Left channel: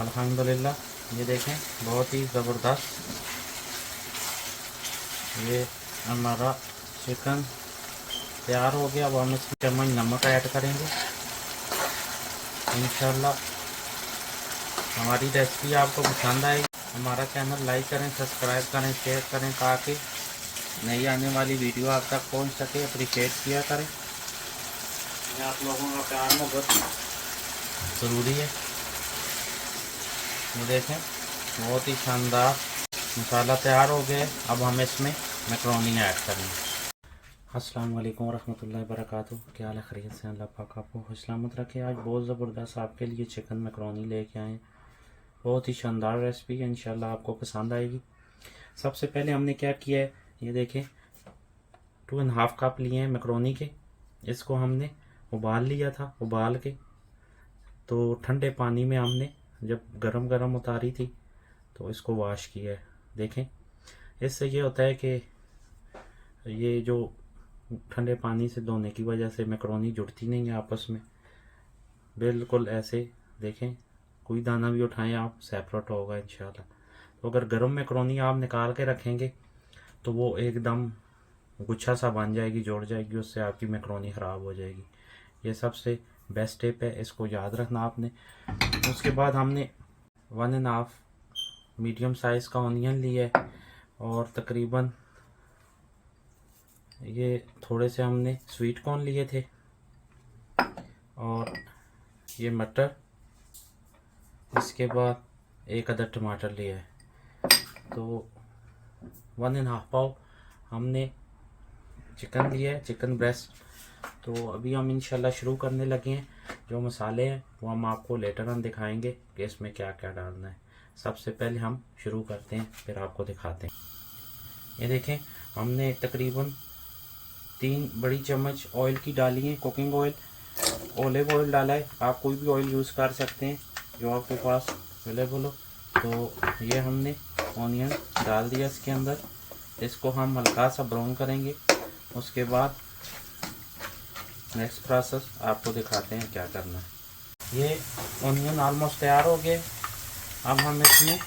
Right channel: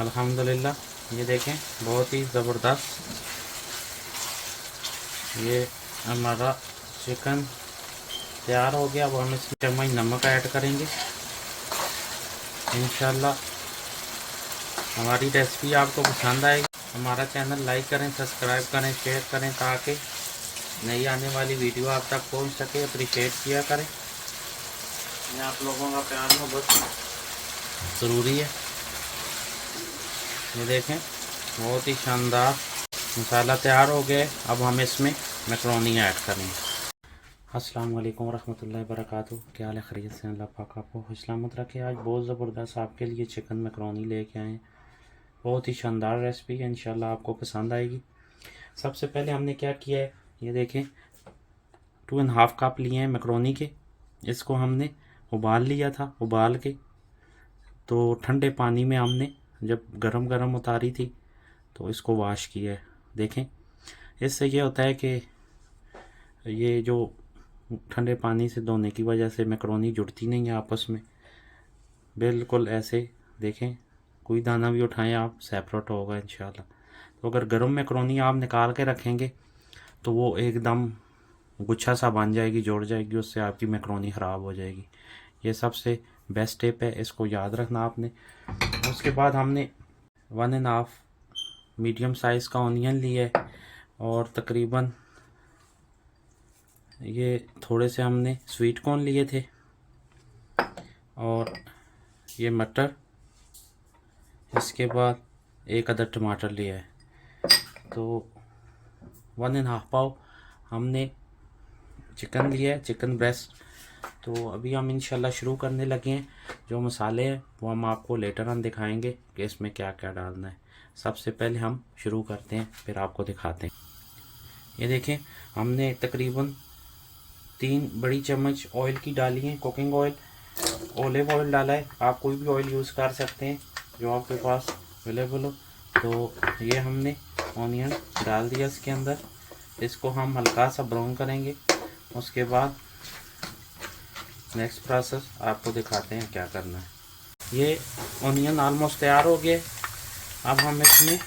अल्हम्दुलिल्लाह ये देखें बहुत ही ज़बरदस्त ये हमारा चिकन तैयार हो गया। अब हम इसमें चम्मच नमक ऐड करेंगे। इंशाल्लाह हमारी रेसिपी आपको पसंद आएगी। हमारा चैनल लाइक करें, सब्सक्राइब करें, शेयर करें ताकि नई आने वाली वीडियो आप तक पहुंच सके। अप्रिशिएट किया करें, आप लोगों का प्यार मोहब्बत ज़रूरी है। ये देखें बहुत ही शानदार मसाला तैयार हो गया। अब हम इसमें मैकरोनी ऐड करेंगे। अस्सलाम वालेकुम रहमतुल्लाहि वबरकातुहू। क्या हाल है, खैरियत से? अल्लाह पाक आपको खुश सलामत रखे। आज बहुत ज़बरदस्त आपके लिए चिकन मैकरोनी लेके आए हैं। बहुत ही शानदार रेसिपी है, इंशाल्लाह आपको पसंद आएगी। सबसे पहले हमने क्या किया है, ये देखें 2.5 कप लिए हैं मैकरोनी के। इसको हमने उबाल लिया था। उबाल के तो ठंडे पानी में हमने जब गरम गरम उतारी थी तो इसको वॉश किया है। देखें इससे ये होता है कि ये जो ठंडे पानी से धोने की वजह से मैकरोनी जुड़ती नहीं है आपस में, बिल्कुल ऐसे देखें कोई दाना भी उठाएं आप सेपरेट होगा इंशाल्लाह। तो अगर गर्म मैकरोनी आप निकाल के रखेंगे तो वो एकदम गुच्छा सा बन जाएगी, जुड़ जाएगी, उससे आपकी मैकरोनी ख़राब हो जाएगी। ये सबसे बेस्ट टिप है, इसको याद रखना आपने। उसके बाद हमने 1.5 मीडियम साइज़ का ऑनियन लिया है और तकरीबन ये थोड़े से हमने स्वीट कॉर्न लिए थे और ये मटर। इसके बाद 1 अदद टमाटर लिया है। तो 1.5 पाव हमने चिकन लिया है, चिकन ब्रेस्ट। तो अभी हम इंशाल्लाह शुरू करने लगे हैं। जो मसाले हैं वो हम आपको लेटर हम दिखाएंगे कि इसमें क्या क्या डालना है। सबसे पहले हम शुरू करते हैं, फिर आपको दिखाते हैं। ये देखें हमने तकरीबन 3 बड़ी चम्मच ऑयल की डाली है, कुकिंग ऑयल, ओलिव ऑयल डाला है। आप कोई भी ऑयल यूज़ कर सकते हैं जो आपके पास अवेलेबल हो। तो ये हमने ऑनियन डाल दिया इसके अंदर। इसको हम हल्का सा ब्राउन करेंगे। उसके बाद नेक्स्ट प्रोसेस आपको दिखाते हैं क्या करना है। ये ऑनियन ऑलमोस्ट तैयार हो गया। अब हम इसमें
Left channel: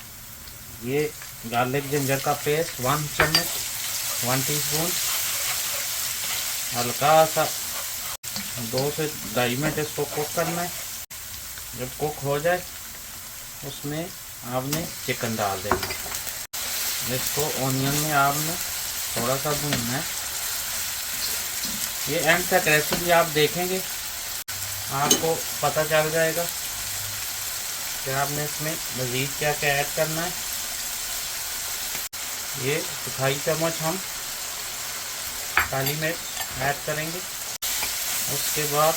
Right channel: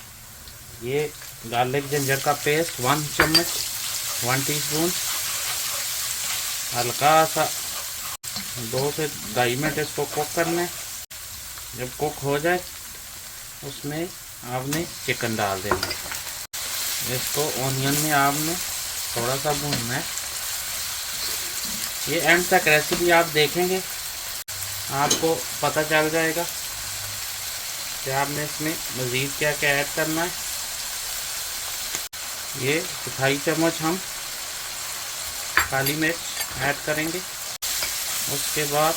ये गार्लिक जिंजर का पेस्ट 1 चम्मच 1 टीस्पून हल्का सा 2 से 2.5 मिनट इसको कुक करना है। जब कुक हो जाए उसमें आपने चिकन डाल देना है। इसको ऑनियन में आपने थोड़ा सा भूनना है। ये एंड तक रेसिपी आप देखेंगे आपको पता चल जाएगा कि आपने इसमें मज़ीद क्या क्या ऐड करना है। ये 2.5 चम्मच हम काली मिर्च ऐड करेंगे। उसके बाद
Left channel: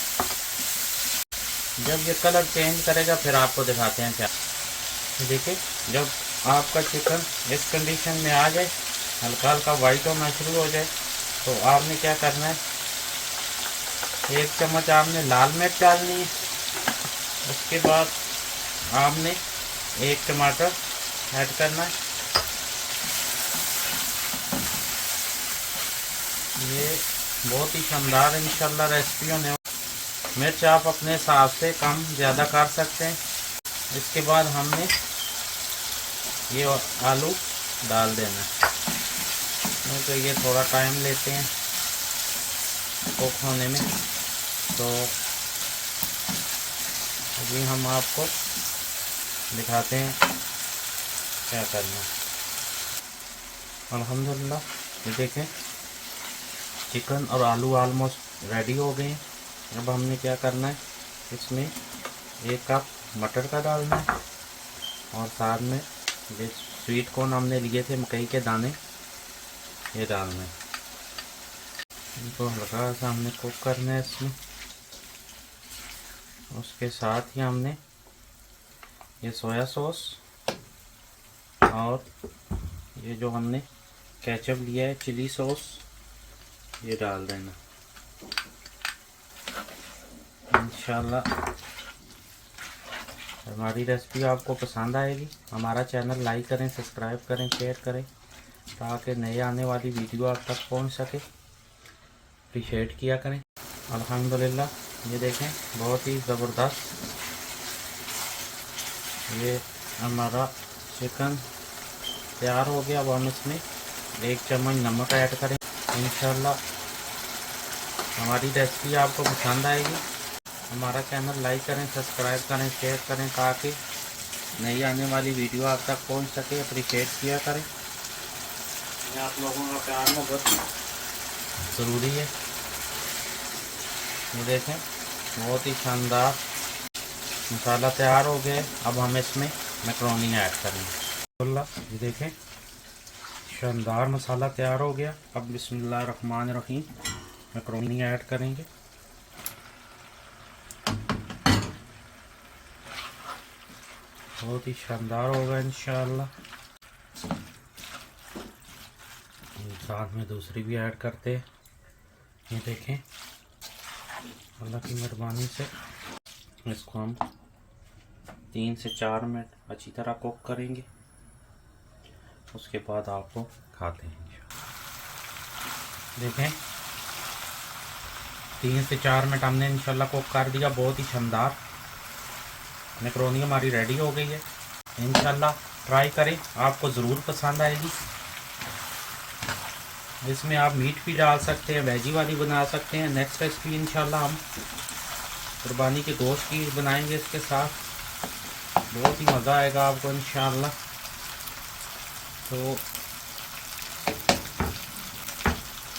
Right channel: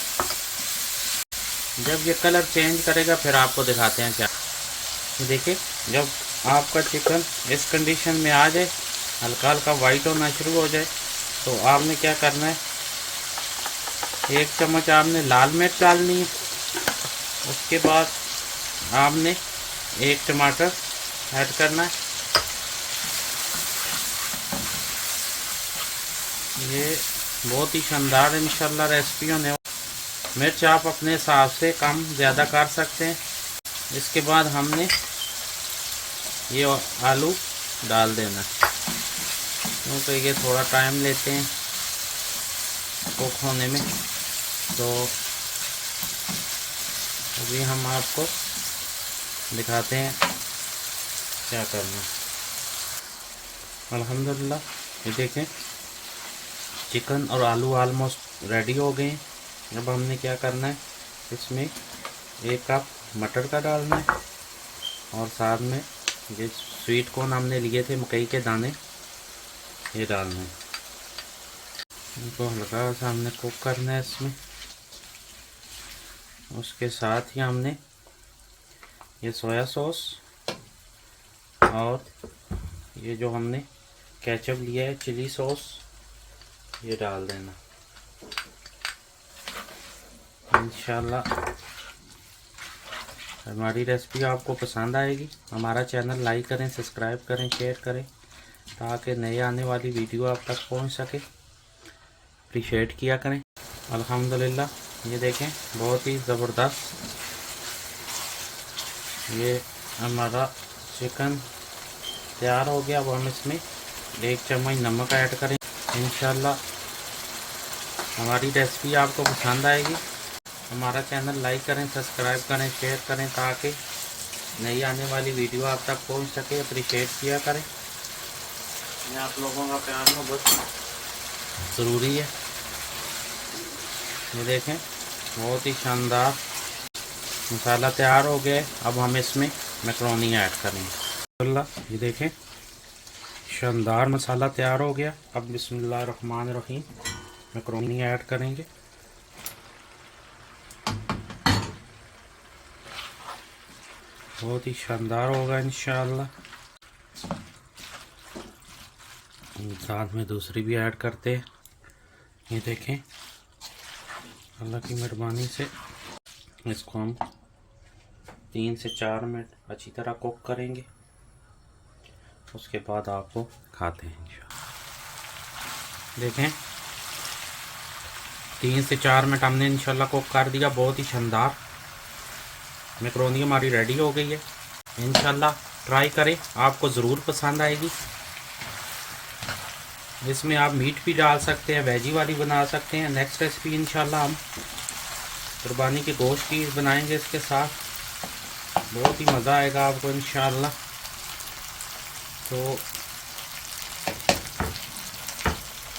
जब ये कलर चेंज करेगा फिर आपको दिखाते हैं क्या। देखिए जब आपका चिकन इस कंडीशन में आ जाए, हल्का हल्का वाइट होना शुरू हो जाए, तो आपने क्या करना है, 1 चम्मच आपने लाल मिर्च डालनी है। उसके बाद आपने 1 टमाटर ऐड करना है। ये बहुत ही शानदार इंशाल्लाह रेसिपी होने। मिर्च आप अपने हिसाब से कम ज़्यादा कर सकते हैं। इसके बाद हमने ये आलू डाल देना है। तो ये थोड़ा टाइम लेते हैं कुक होने में, तो अभी हम आपको दिखाते हैं क्या करना है। अल्हम्दुलिल्लाह ये देखें चिकन और आलू ऑलमोस्ट रेडी हो गए हैं। अब हमने क्या करना है, इसमें 1 कप मटर का डालना है और साथ में ये स्वीट कॉर्न हमने लिए थे, मकई के दाने, ये डालना है। इनको हल्का सा हमने कुक करना है इसमें। उसके साथ ही हमने ये सोया सॉस और ये जो हमने केचप लिया है चिली सॉस, ये डाल देना। इंशाल्लाह हमारी रेसिपी आपको पसंद आएगी। हमारा चैनल लाइक करें, सब्सक्राइब करें, शेयर करें ताकि नए आने वाली वीडियो आप तक पहुंच सके। अप्रिशिएट किया करें। अल्हम्दुलिल्लाह ये देखें बहुत ही ज़बरदस्त ये हमारा चिकन तैयार हो गया। अब हम इसमें 1 चम्मच नमक ऐड करें। इंशाल्लाह हमारी रेसिपी आपको पसंद आएगी। हमारा चैनल लाइक करें, सब्सक्राइब करें, शेयर करें ताकि नई आने वाली वीडियो आप तक पहुंच सके। अप्रिशिएट किया करें। आप लोगों का प्यार मोहब्बत ज़रूरी है। ये देखें, बहुत ही शानदार मसाला तैयार हो गया। अब हम इसमें मैकरोनी ऐड करेंगे। ये देखें, शानदार मसाला तैयार हो गया। अब बिस्मिल्लाहिर्रहमानिर्रहीम मैकरोनी ऐड करेंगे। बहुत ही शानदार होगा इंशाअल्लाह। साथ में दूसरी भी ऐड करते हैं। ये देखें, अल्लाह की मेहरबानी से इसको हम 3 से 4 मिनट अच्छी तरह कुक करेंगे। उसके बाद आपको खाते हैं इंशाअल्लाह। देखें, 3 से 4 मिनट हमने इंशाल्लाह कुक कर दिया। बहुत ही शानदार मैकरोनी हमारी रेडी हो गई है। इंशाल्लाह ट्राई करें, आपको ज़रूर पसंद आएगी। इसमें आप मीट भी डाल सकते हैं, वेजी वाली बना सकते हैं। नेक्स्ट रेसिपी इंशाल्लाह हम कुर्बानी के गोश्त की बनाएंगे इसके साथ। बहुत ही मज़ा आएगा आपको इंशाल्लाह। तो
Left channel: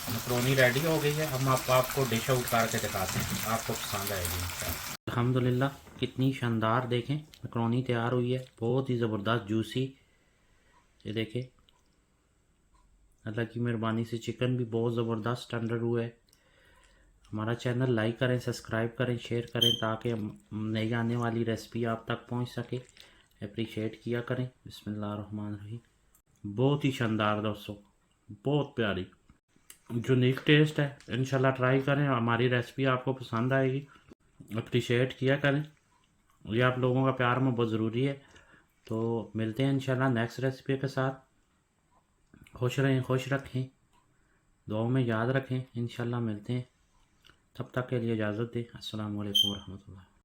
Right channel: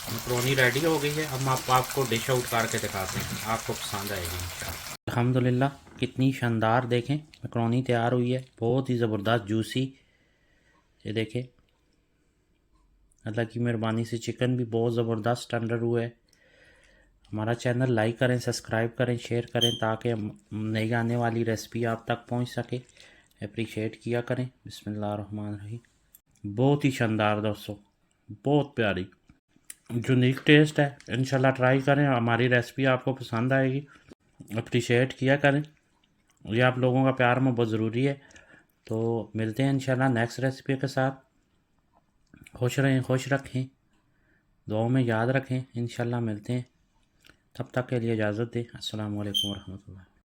मैकरोनी रेडी हो गई है। अब हम आपको डिश आउट करके दिखाते हैं, आपको पसंद आएगी इंशाल्लाह। अल्हम्दुलिल्लाह, कितनी शानदार देखें मैकरोनी तैयार हुई है। बहुत ही ज़बरदस्त जूसी। ये देखें, अल्लाह की मेहरबानी से चिकन भी बहुत ज़बरदस्त टेंडर हुआ है। हमारा चैनल लाइक करें, सब्सक्राइब करें, शेयर करें ताकि नई आने वाली रेसिपी आप तक पहुंच सके। अप्रिशिएट किया करें। बिस्मिल्लाहिर्रहमानिर्रहीम। बहुत ही शानदार दोस्तों, बहुत प्यारी यूनिक टेस्ट है। इंशाल्लाह ट्राई करें, हमारी रेसिपी आपको पसंद आएगी। अप्रिशिएट किया करें, ये आप लोगों का प्यार में बहुत ज़रूरी है। तो मिलते हैं इंशाल्लाह नेक्स्ट रेसिपी के साथ। खुश रहें, खुश रखें, दुआओं में याद रखें। इंशाल्लाह मिलते हैं, तब तक के लिए इजाज़त दें। अस्सलामु अलैकुम वरहमतुल्लाह।